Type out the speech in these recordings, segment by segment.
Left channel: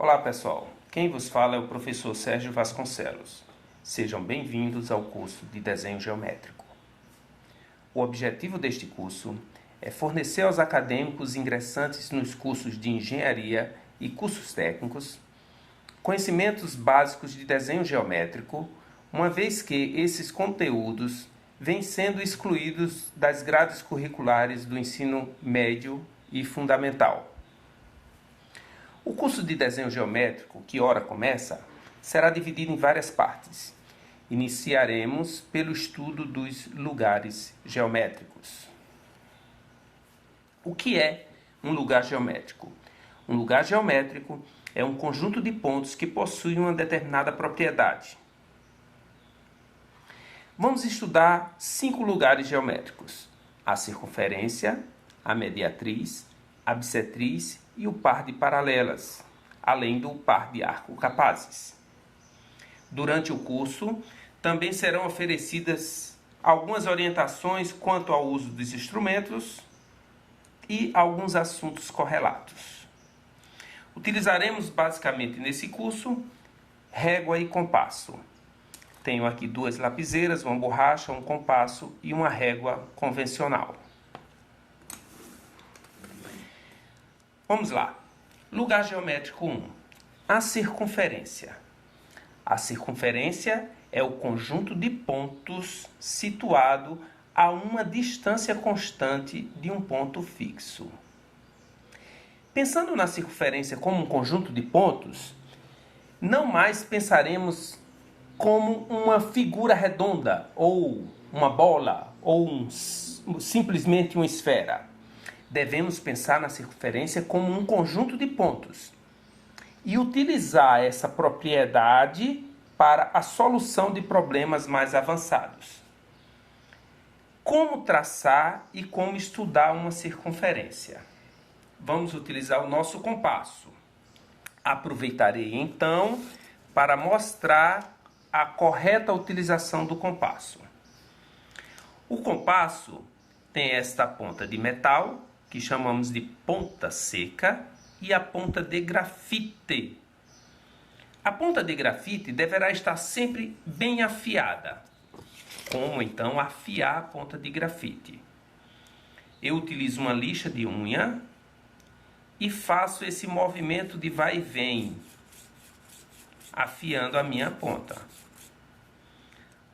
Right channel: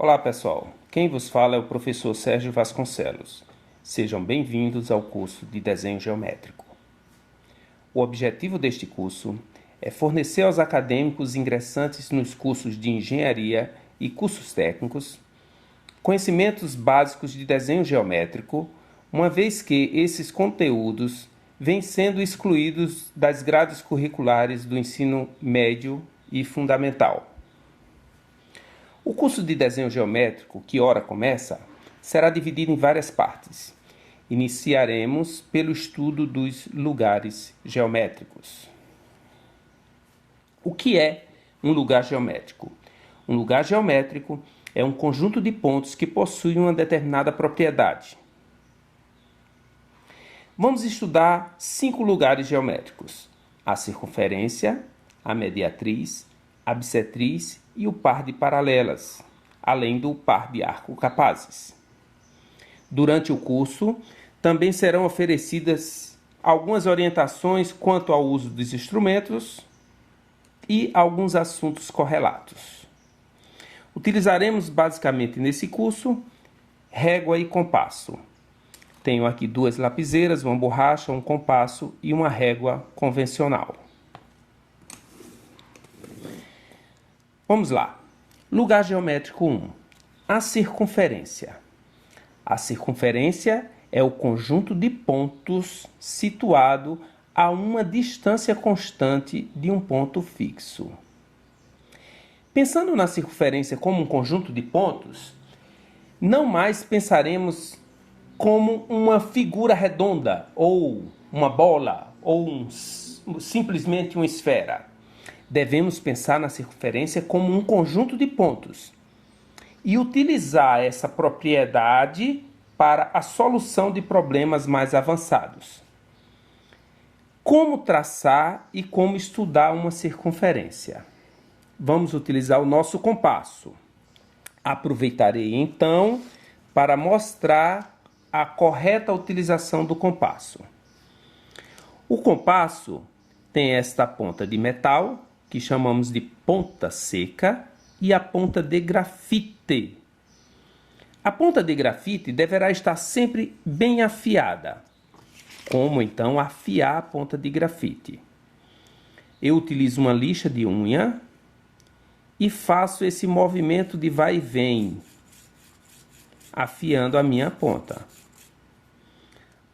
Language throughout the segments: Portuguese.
Olá pessoal, quem vos fala é o professor Sérgio Vasconcelos. Sejam bem-vindos ao curso de Desenho Geométrico. O objetivo deste curso é fornecer aos acadêmicos ingressantes nos cursos de Engenharia e cursos técnicos conhecimentos básicos de desenho geométrico, uma vez que esses conteúdos vêm sendo excluídos das grades curriculares do ensino médio e fundamental. O curso de desenho geométrico, que ora começa, será dividido em várias partes. Iniciaremos pelo estudo dos lugares geométricos. O que é um lugar geométrico? Um lugar geométrico é um conjunto de pontos que possui uma determinada propriedade. Vamos estudar 5 lugares geométricos: a circunferência, a mediatriz, a bissetriz e o par de paralelas, além do par de arco-capazes. Durante o curso, também serão oferecidas algumas orientações quanto ao uso dos instrumentos e alguns assuntos correlatos. Utilizaremos basicamente nesse curso régua e compasso. Tenho aqui 2 lapiseiras, uma borracha, um compasso e uma régua convencional. Vamos lá. Lugar geométrico 1. A circunferência. A circunferência é o conjunto de pontos situado a uma distância constante de um ponto fixo. Pensando na circunferência como um conjunto de pontos, não mais pensaremos como uma figura redonda, ou uma bola, ou simplesmente uma esfera. Devemos pensar na circunferência como um conjunto de pontos e utilizar essa propriedade para a solução de problemas mais avançados. Como traçar e como estudar uma circunferência? Vamos utilizar o nosso compasso. Aproveitarei então para mostrar a correta utilização do compasso. O compasso tem esta ponta de metal, que chamamos de ponta seca, e a ponta de grafite. A ponta de grafite deverá estar sempre bem afiada. Como então afiar a ponta de grafite? Eu utilizo uma lixa de unha e faço esse movimento de vai e vem, afiando a minha ponta.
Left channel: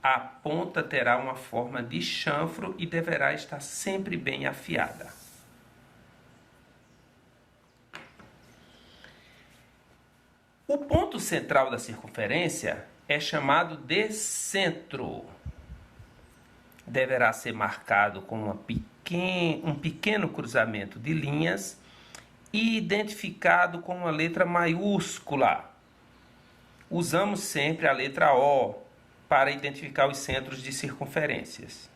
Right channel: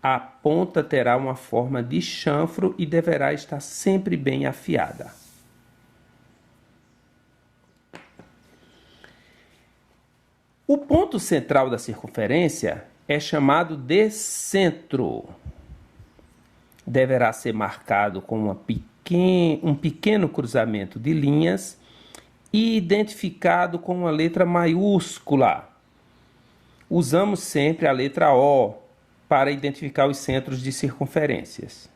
A ponta terá uma forma de chanfro e deverá estar sempre bem afiada. O ponto central da circunferência é chamado de centro. Deverá ser marcado com um pequeno cruzamento de linhas e identificado com uma letra maiúscula. Usamos sempre a letra O para identificar os centros de circunferências.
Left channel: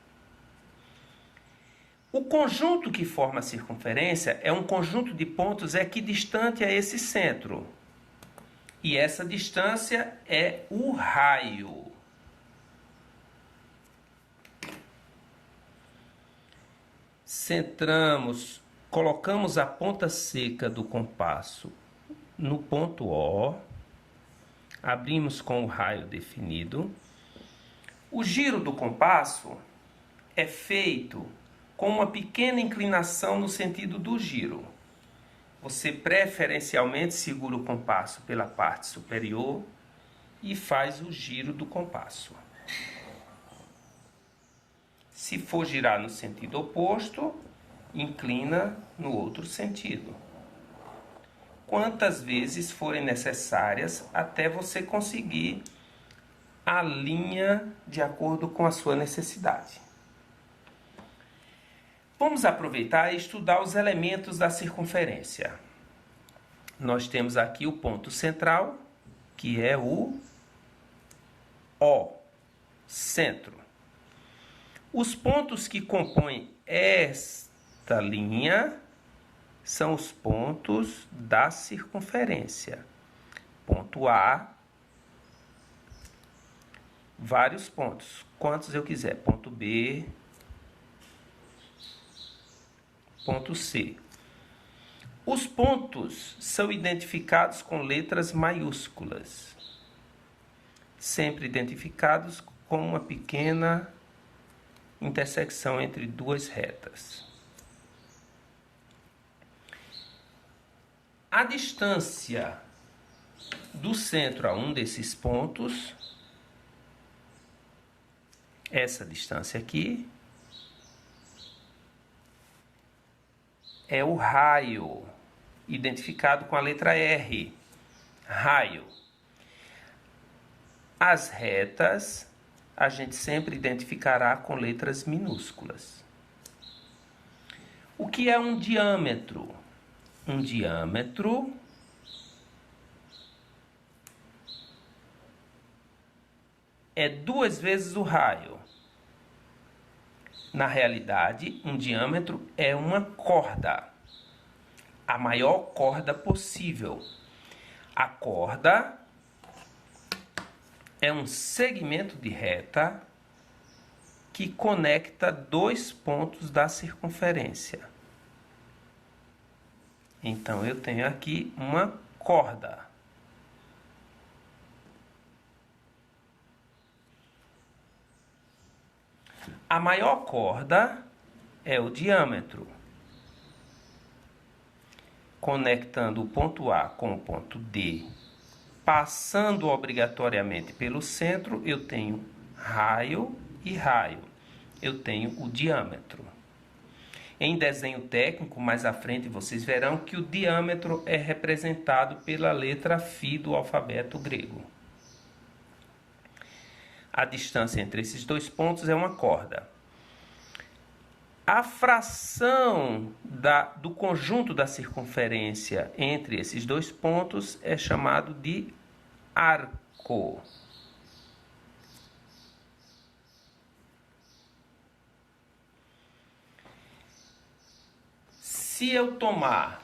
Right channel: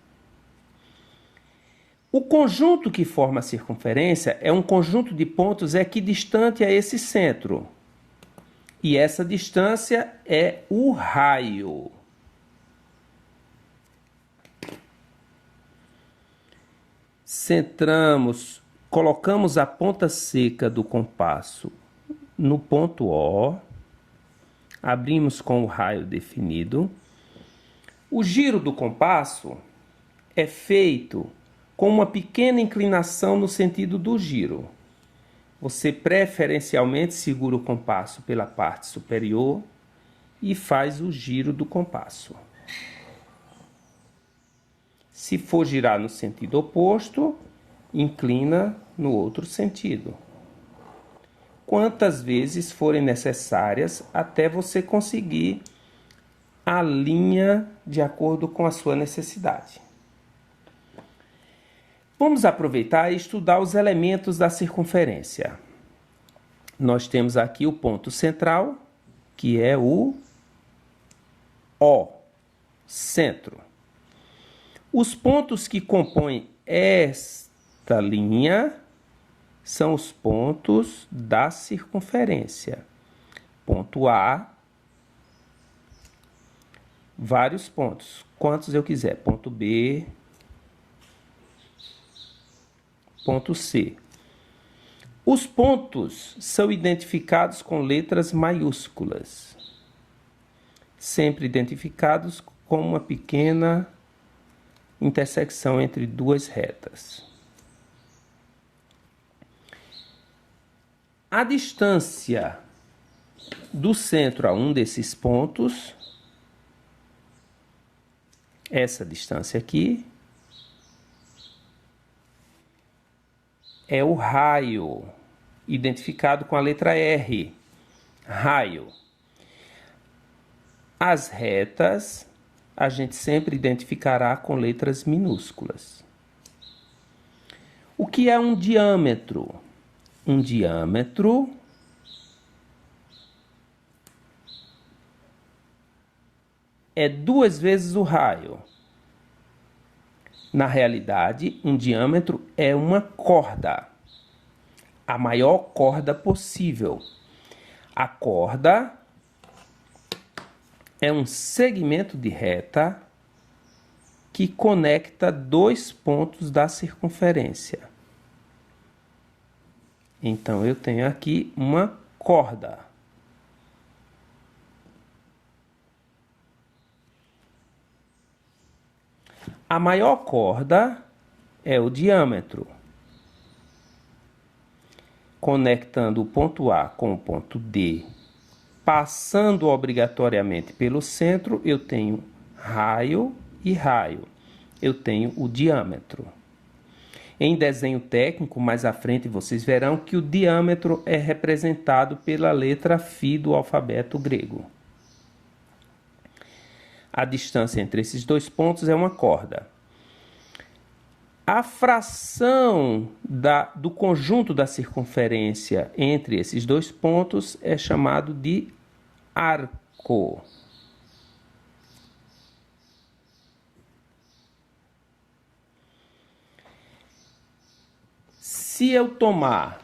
O conjunto que forma a circunferência é um conjunto de pontos equidistante a esse centro. E essa distância é o raio. Colocamos a ponta seca do compasso no ponto O, abrimos com o raio definido. O giro do compasso é feito com uma pequena inclinação no sentido do giro. Você preferencialmente segura o compasso pela parte superior e faz o giro do compasso. Se for girar no sentido oposto, inclina no outro sentido. Quantas vezes forem necessárias até você conseguir a linha de acordo com a sua necessidade. Vamos aproveitar e estudar os elementos da circunferência. Nós temos aqui o ponto central, que é o O, centro. Os pontos que compõem esta linha são os pontos da circunferência. Ponto A, vários pontos, quantos eu quiser. Ponto B, ponto C. Os pontos são identificados com letras maiúsculas, sempre identificados com uma pequena intersecção entre duas retas. A distância do centro a um desses pontos, essa distância aqui, é o raio, identificado com a letra R, raio. As retas a gente sempre identificará com letras minúsculas. O que é um diâmetro? Um diâmetro é 2 vezes o raio. Na realidade, um diâmetro é uma corda, a maior corda possível. A corda é um segmento de reta que conecta 2 pontos da circunferência. Então, eu tenho aqui uma corda. A maior corda é o diâmetro. Conectando o ponto A com o ponto D, passando obrigatoriamente pelo centro, eu tenho raio e raio. Eu tenho o diâmetro. Em desenho técnico, mais à frente, vocês verão que o diâmetro é representado pela letra φ do alfabeto grego. A distância entre esses 2 pontos é uma corda. A fração do conjunto da circunferência entre esses 2 pontos é chamado de arco. Se eu tomar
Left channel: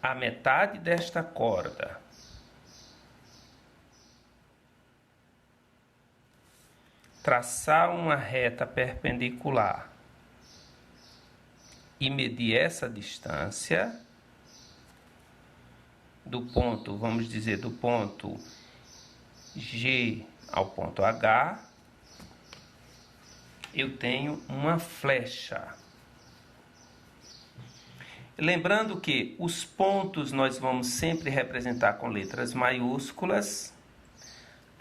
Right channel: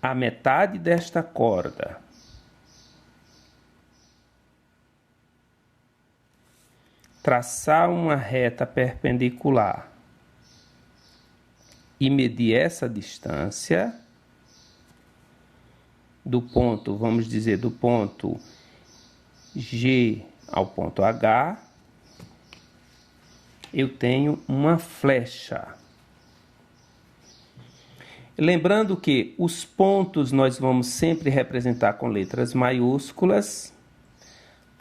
a metade desta corda traçar uma reta perpendicular e medir essa distância do ponto, vamos dizer, do ponto G ao ponto H, eu tenho uma flecha. Lembrando que os pontos nós vamos sempre representar com letras maiúsculas,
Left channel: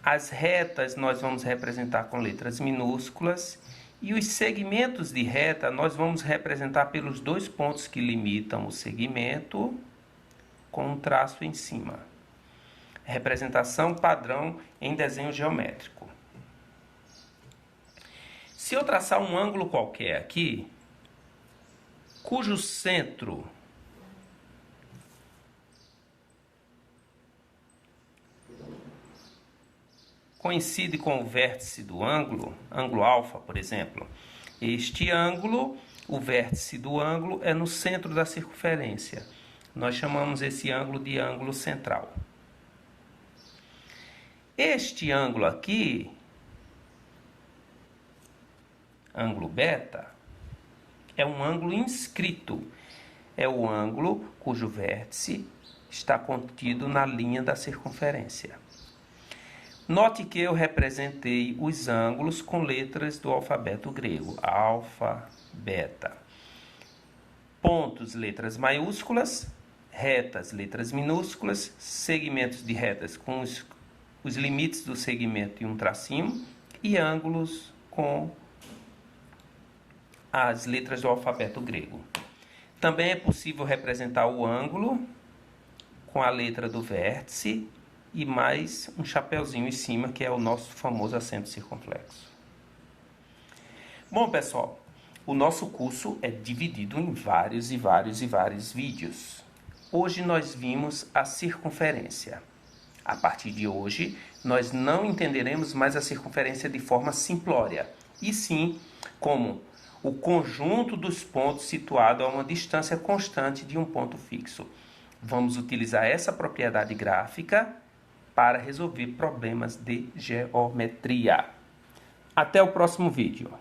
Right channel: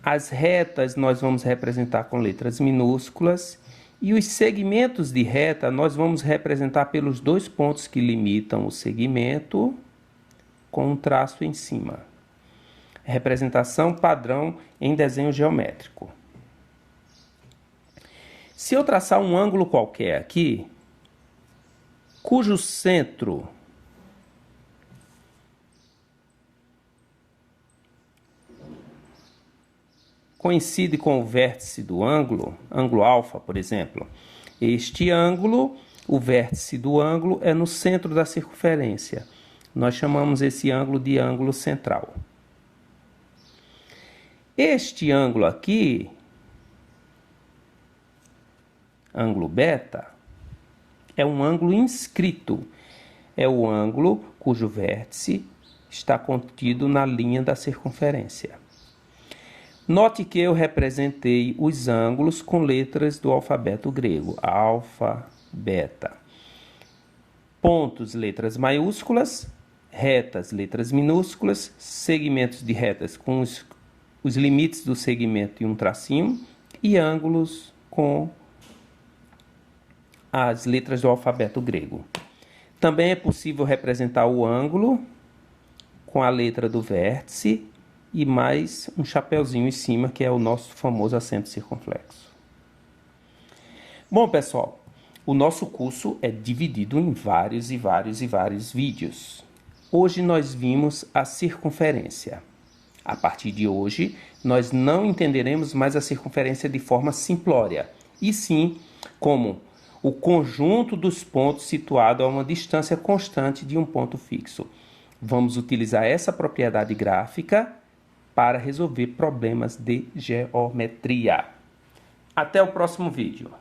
as retas nós vamos representar com letras minúsculas e os segmentos de reta nós vamos representar pelos 2 pontos que limitam o segmento com um traço em cima. Representação padrão em desenho geométrico. Se eu traçar um ângulo qualquer aqui, cujo centro coincide com o vértice do ângulo, ângulo alfa, por exemplo. Este ângulo, o vértice do ângulo, é no centro da circunferência. Nós chamamos esse ângulo de ângulo central. Este ângulo aqui, ângulo beta, é um ângulo inscrito. É o ângulo cujo vértice está contido na linha da circunferência. Note que eu representei os ângulos com letras do alfabeto grego, alfa, beta. Pontos, letras maiúsculas, retas, letras minúsculas, segmentos de retas com os limites do segmento e um tracinho, e ângulos com as letras do alfabeto grego. Também é possível representar o ângulo com a letra do vértice e mais um chapeuzinho em cima, que é o nosso famoso acento circunflexo. Bom, pessoal, o nosso curso é dividido em vários vídeos. Hoje nós vimos a circunferência. A partir de hoje, nós não entenderemos mais a circunferência de forma simplória, e sim como o conjunto dos pontos situado a uma distância constante de um ponto fixo. Vamos utilizar essa propriedade gráfica para resolver problemas de geometria. Até o próximo vídeo.